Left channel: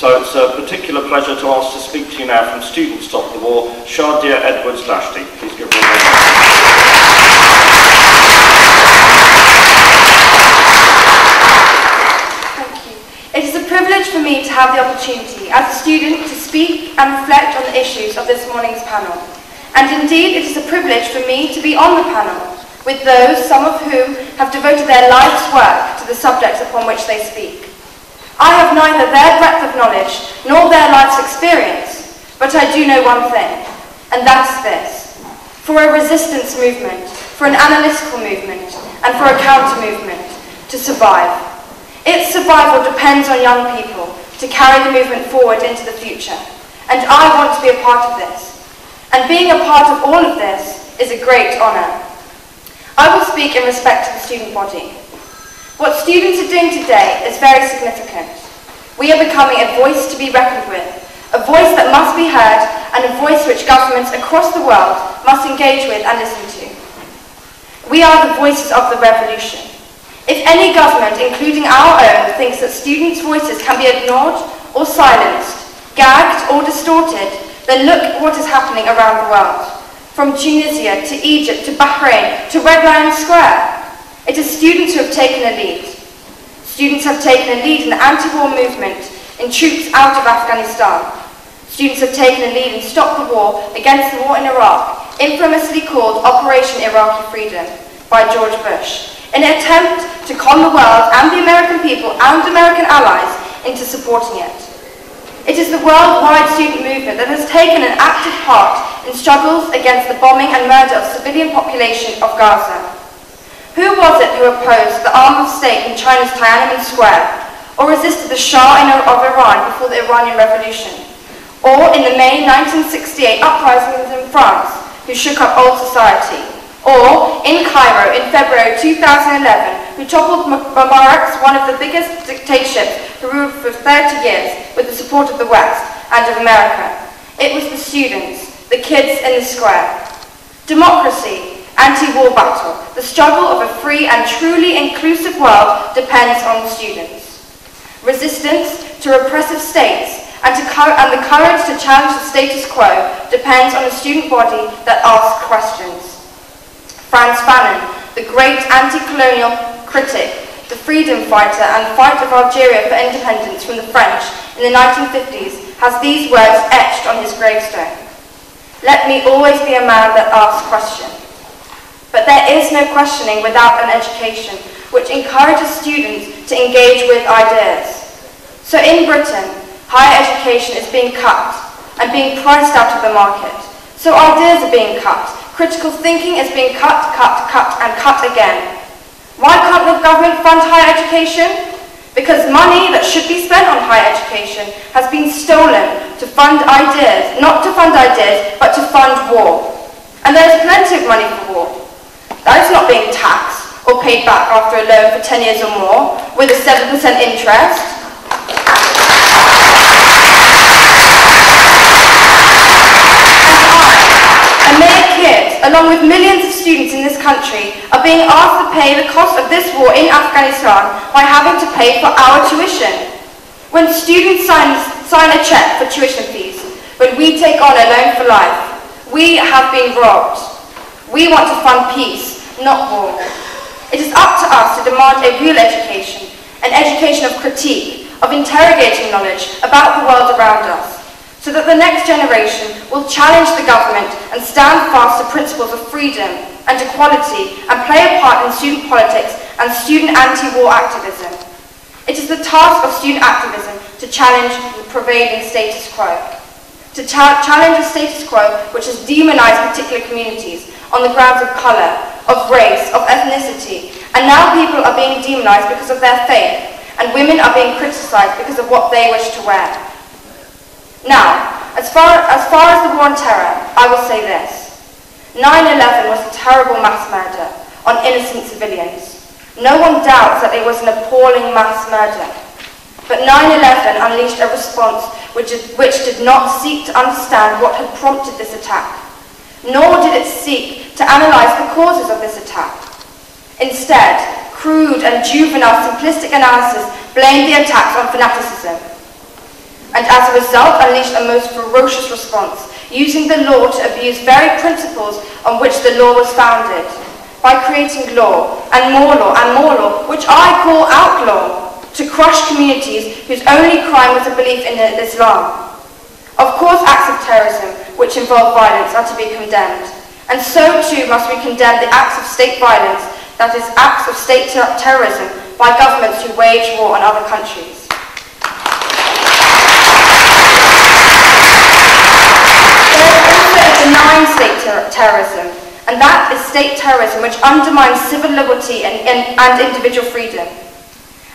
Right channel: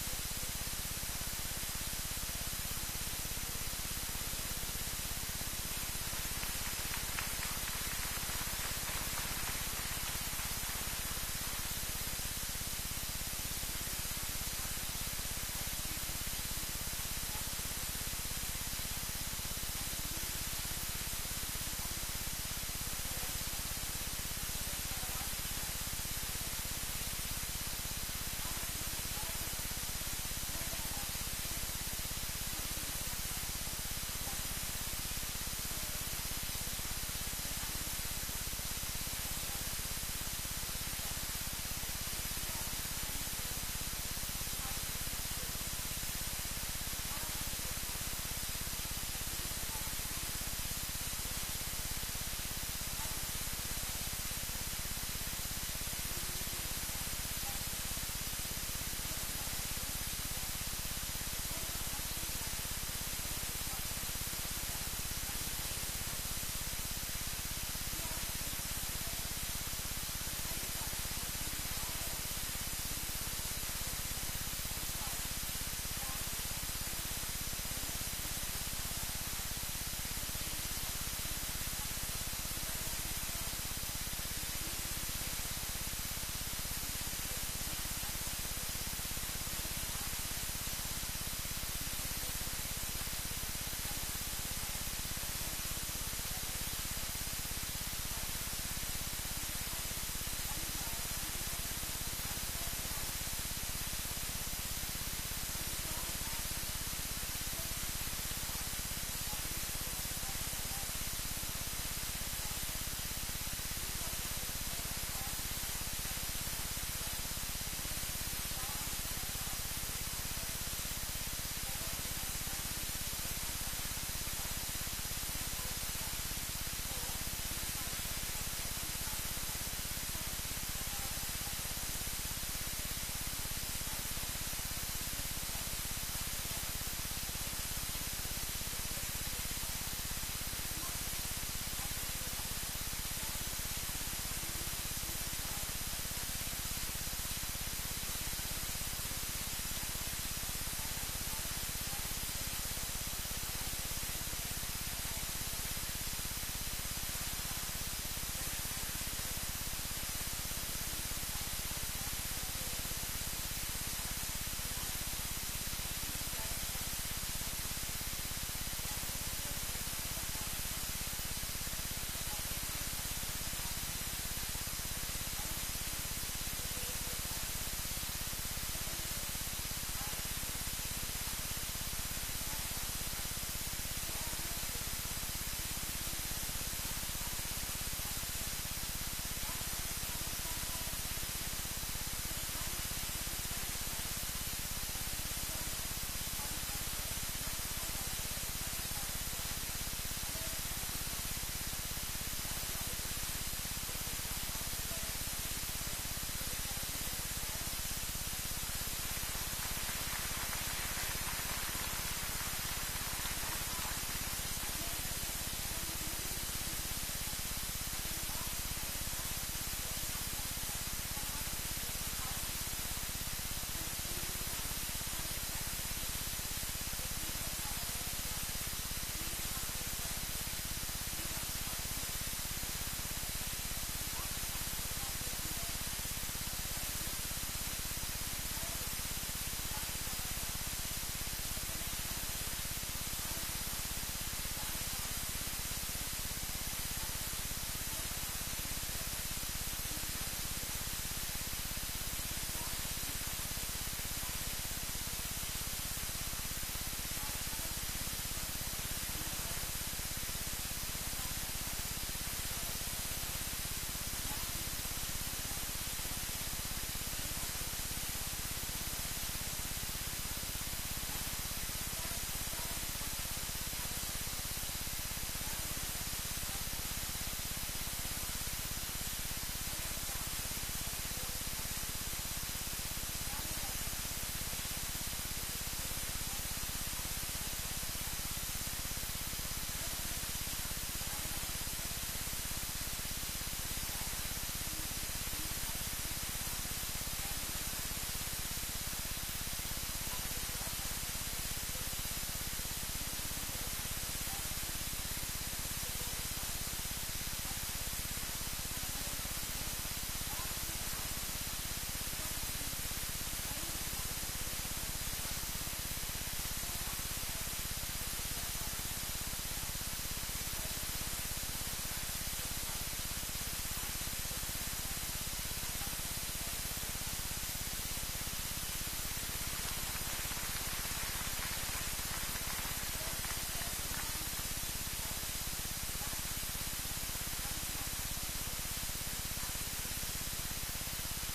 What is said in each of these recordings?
So it's a particular pleasure to ask to speak to you now from Students Stop the War, Shadia Edwards. Please give her a round. It is a privilege for me to have the opportunity as a student to speak and reflect on the issues of this morning's panel. And indeed, it is a privilege for me to be on the panel with those, some of whom have devoted their life's work to the subjects upon which they speak. I have neither their breadth of knowledge nor their life's experience, but I do know one thing, and that's this. For a resistance movement, for an analytical movement, and for a counter-movement to survive, its survival depends on young people to carry the movement forward into the future. And I want to be a part of this. And being a part of all of this is a great honour. I will speak in respect to the student body. What students are doing today is very significant. We are becoming a voice to be reckoned with, a voice that must be heard, and a voice which governments across the world must engage with and listen to. We are the voices of the revolution. If any government, including our own, thinks that students' voices can be ignored or silenced, gagged or distorted, then look at what is happening around the world. From Tunisia to Egypt to Bahrain to Red Lion Square. It is students who have taken a lead. Students have taken a lead in the anti-war movement, in troops out of Afghanistan. Students have taken a lead in Stop the War against the war in Iraq, infamously called Operation Iraqi Freedom by George Bush, in an attempt to con the world and the American people and American allies into supporting it. It is the worldwide student movement that has taken an active part in struggles against the bombing and murder of civilian population of Gaza. Who was it who opposed the armed state in China's Tiananmen Square, or resisted the Shah of Iran before the Iranian Revolution, or in the May 1968 uprisings in France, who shook up old society, or in Cairo in February 2011, who toppled Mubarak's one of the biggest dictatorships who ruled for 30 years with the support of the West and of America. It was the students, the kids in the square. Democracy, anti-war battle, the struggle of a free and truly inclusive world depends on the students. Resistance to repressive states and the courage to challenge the status quo depends on a student body that asks questions. Frantz Fanon, the great anti-colonial critic, the freedom fighter and fight of Algeria for independence from the French in the 1950s, has these words etched on his gravestone. Let me always be a man that asks questions. But there is no questioning without an education which encourages students to engage with ideas. So in Britain, higher education is being cut and being priced out of the market. So ideas are being cut. Critical thinking is being cut, and cut again. Why can't the government fund higher education? Because money that should be spent on higher education has been stolen to fund ideas, not to fund ideas, but to fund war. And there is plenty of money for war. That is not being taxed or paid back after a loan for 10 years or more with a 7% interest. And I, a mere kid, along with millions of students in this country, are being asked to pay the cost of this war in Afghanistan by having to pay for our tuition. When students sign a check for tuition fees, when we take on a loan for life, we have been robbed. We want to fund peace, not war. It is up to us to demand a real education, an education of critique, of interrogating knowledge about the world around us, so that the next generation will challenge the government and stand fast to principles of freedom and equality and play a part in student politics and student anti-war activism. It is the task of student activism to challenge the prevailing status quo, to challenge a status quo which has demonized particular communities on the grounds of colour, of race, of ethnicity, and now people are being demonized because of their faith, and women are being criticized because of what they wish to wear. Now, as far as the war on terror, I will say this. 9/11 was a terrible mass murder on innocent civilians. No one doubts that it was an appalling mass murder. But 9/11 unleashed a response which did not seek to understand what had prompted this attack, nor did it seek to analyse the causes of this attack. Instead, crude and juvenile simplistic analysis blamed the attacks on fanaticism. as a result unleashed a most ferocious response, using the law to abuse very principles on which the law was founded, by creating law, and more law, and more law, which I call outlaw, to crush communities whose only crime was a belief in Islam. Of course, acts of terrorism, which involve violence, are to be condemned, and so too must we condemn the acts of state violence, that is, acts of state terrorism, by governments who wage war on other countries. Benign state terrorism, and that is state terrorism which undermines civil liberty and individual freedom.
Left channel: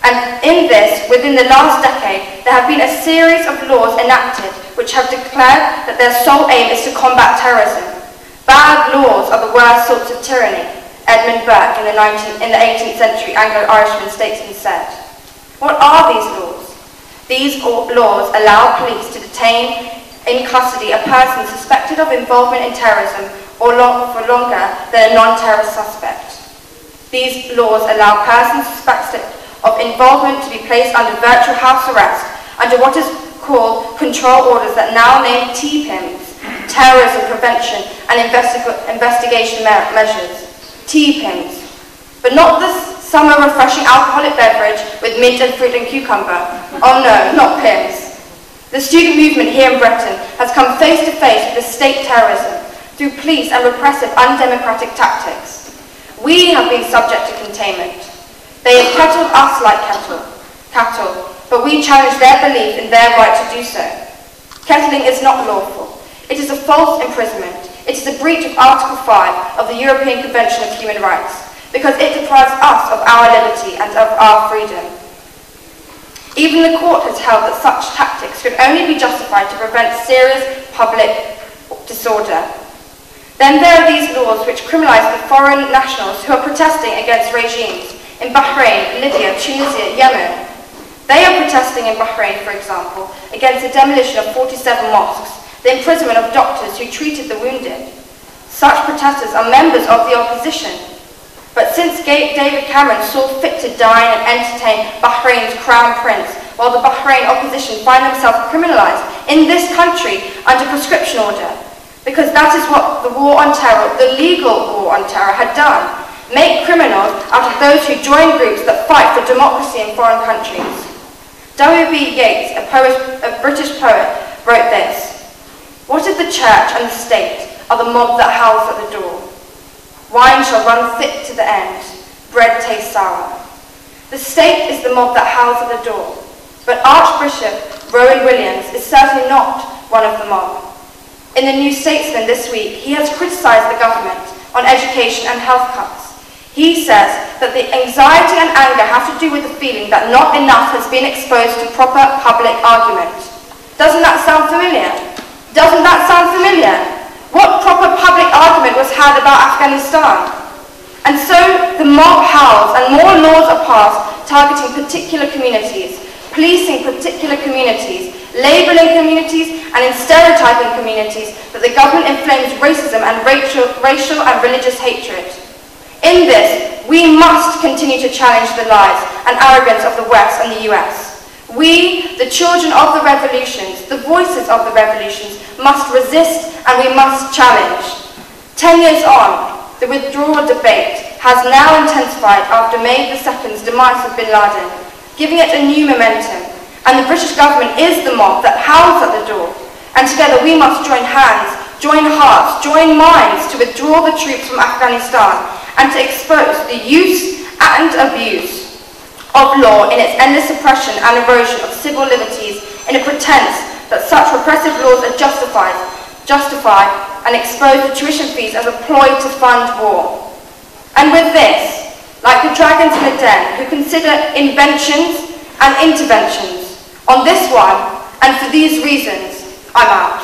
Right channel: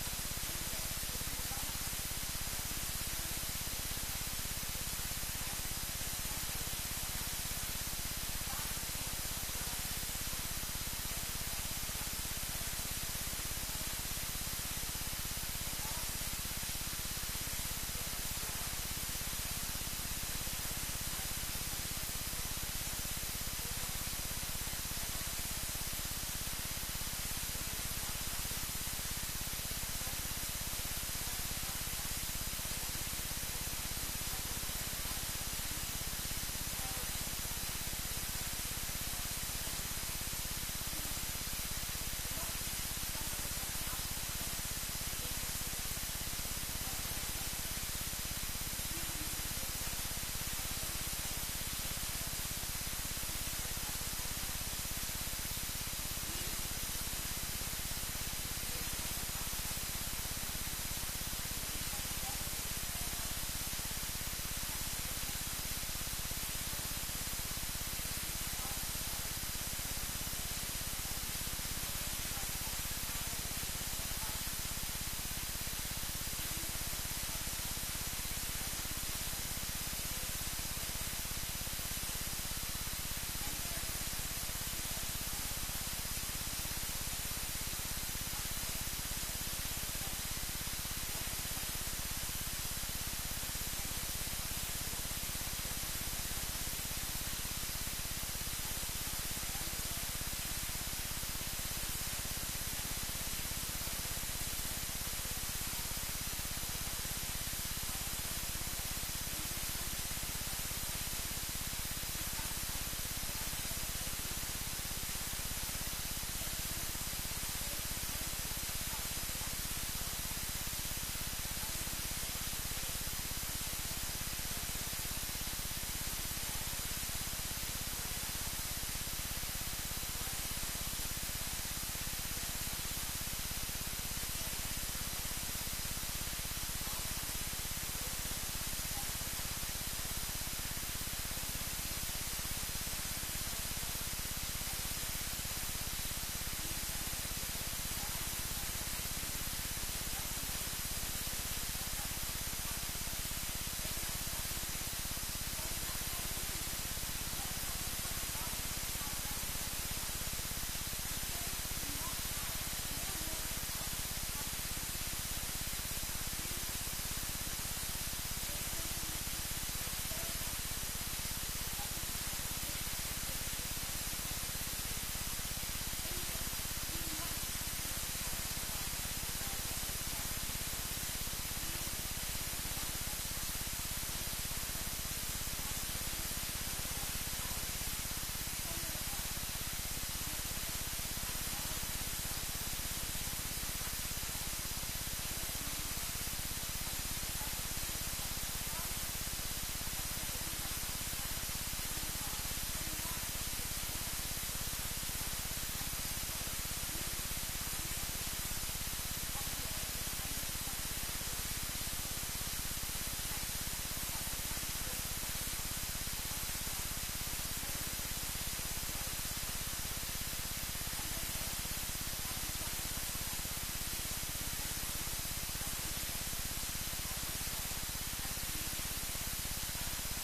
And in this, within the last decade, there have been a series of laws enacted which have declared that their sole aim is to combat terrorism. Bad laws are the worst sorts of tyranny, Edmund Burke in the 18th century Anglo-Irishman statesman said. What are these laws? These laws allow police to detain in custody a person suspected of involvement in terrorism or for longer than a non-terrorist suspect. These laws allow persons suspected of involvement to be placed under virtual house arrest under what is called control orders that now name TPIMs, terrorism prevention and investigation measures. TPIMs, but not the summer refreshing alcoholic beverage with mint and fruit and cucumber. Oh no, not PIMs. The student movement here in Britain has come face to face with the state terrorism through police and repressive undemocratic tactics. We have been subject to containment. They have kettled us like cattle, but we challenge their belief in their right to do so. Kettling is not lawful. It is a false imprisonment. It is a breach of Article 5 of the European Convention of Human Rights, because it deprives us of our liberty and of our freedom. Even the court has held that such tactics could only be justified to prevent serious public disorder. Then there are these laws which criminalise the foreign nationals who are protesting against regimes in Bahrain, Libya, Tunisia, Yemen. They are protesting in Bahrain, for example, against the demolition of 47 mosques, the imprisonment of doctors who treated the wounded. Such protesters are members of the opposition. But since David Cameron saw fit to dine and entertain Bahrain's crown prince, while the Bahrain opposition find themselves criminalised in this country under proscription order, because that is what the war on terror, the legal war on terror, had done. Make criminals out of those who join groups that fight for democracy in foreign countries. W.B. Yeats, a British poet, wrote this: "What if the church and the state are the mob that howls at the door? Wine shall run thick to the end, bread tastes sour." The state is the mob that howls at the door, but Archbishop Rowan Williams is certainly not one of the mob. In the New Statesman this week, he has criticised the government on education and health cuts. He says that the anxiety and anger have to do with the feeling that not enough has been exposed to proper public argument. Doesn't that sound familiar? Doesn't that sound familiar? What proper public argument was had about Afghanistan? And so the mob howls and more laws are passed targeting particular communities, policing particular communities, labelling communities and in stereotyping communities that the government inflames racism and racial and religious hatred. In this, we must continue to challenge the lies and arrogance of the West and the US. We, the children of the revolutions, the voices of the revolutions, must resist and we must challenge. 10 years on, the withdrawal debate has now intensified after May 2nd's demise of bin Laden, giving it a new momentum. And the British government is the mob that howls at the door. And together we must join hands, join hearts, join minds to withdraw the troops from Afghanistan and to expose the use and abuse of law in its endless suppression and erosion of civil liberties in a pretense that such repressive laws are justified and expose the tuition fees as a ploy to fund war. And with this, like the dragons in the den who consider inventions and interventions, on this one, and for these reasons, I'm out.